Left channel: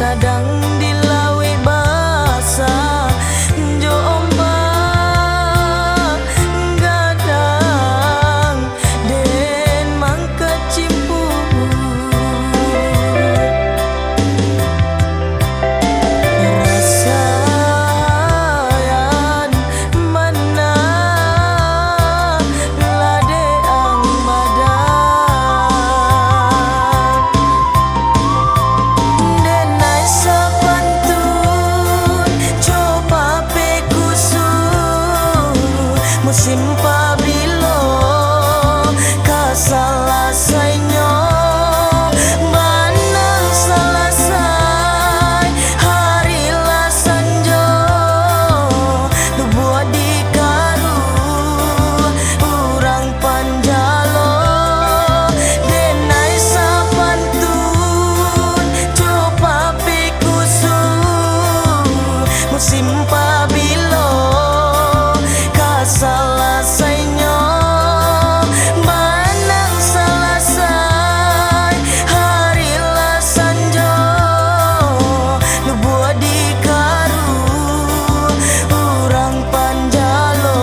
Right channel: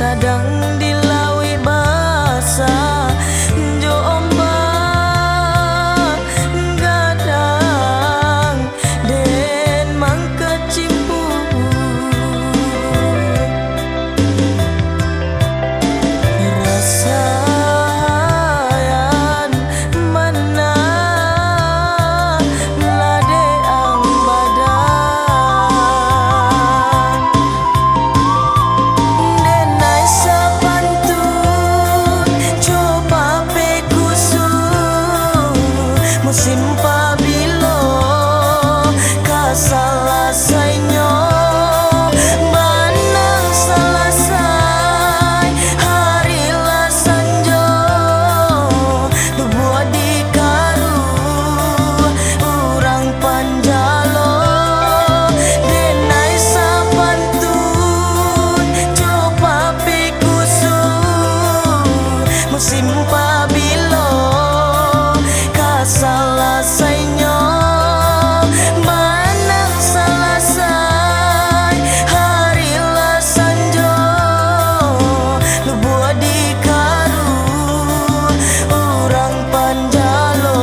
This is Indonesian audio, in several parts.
sadang dilawi basah jo ombak gadang den mangka cimpur rasayan mana lade ang badan denai sapantun coba pekusu musim pabilo kasalasainya manang salasai hari lasanjo lubuah di karu urang panjalo denai sapantun coba pekusu musim pabilo kasalasainya manang salasai hari lasanjo lubuah di karu urang panjalo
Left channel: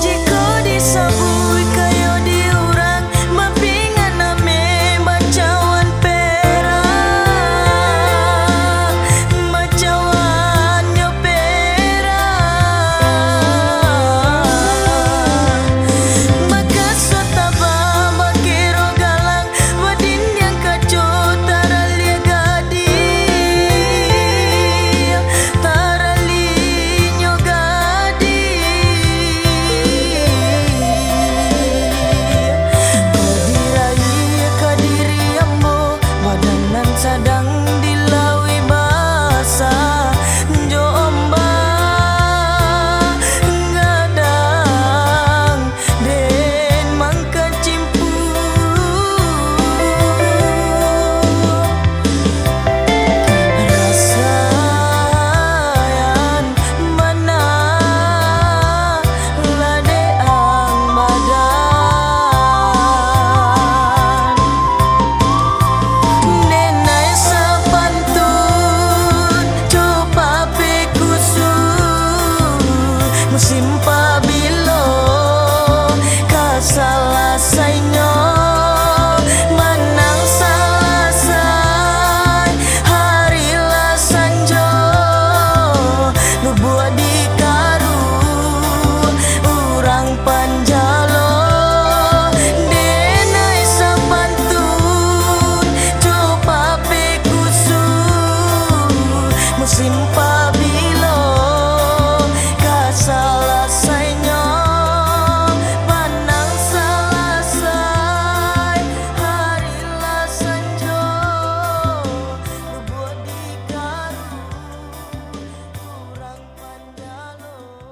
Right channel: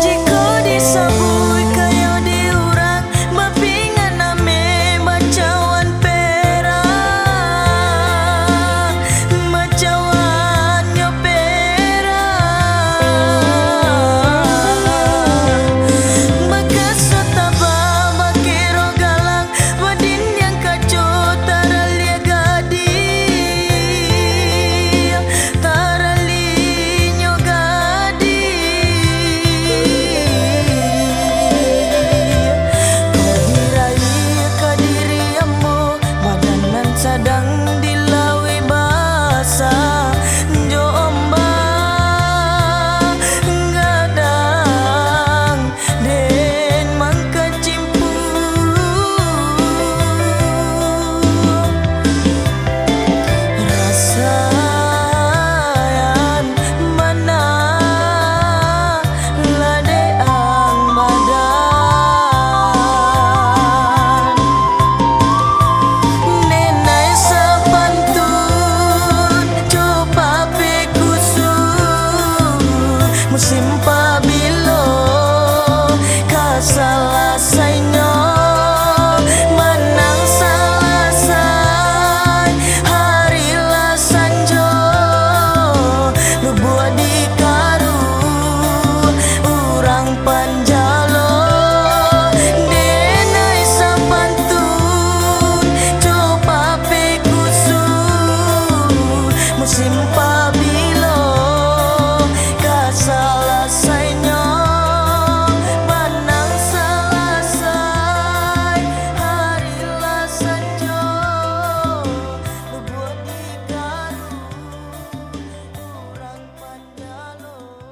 jika disabui kayo diurang mapingan name bacawan perang bacawan nyo perang makasotaba bakiro galang wadin yang kacu taralia gadi taralinyo gadi kodirai kadiri ambo badanan sadang dilawi basah jo ombak gadang den mangka cimpur rasayan mana lade ang badan denai sapantun coba pekusu musim pabilo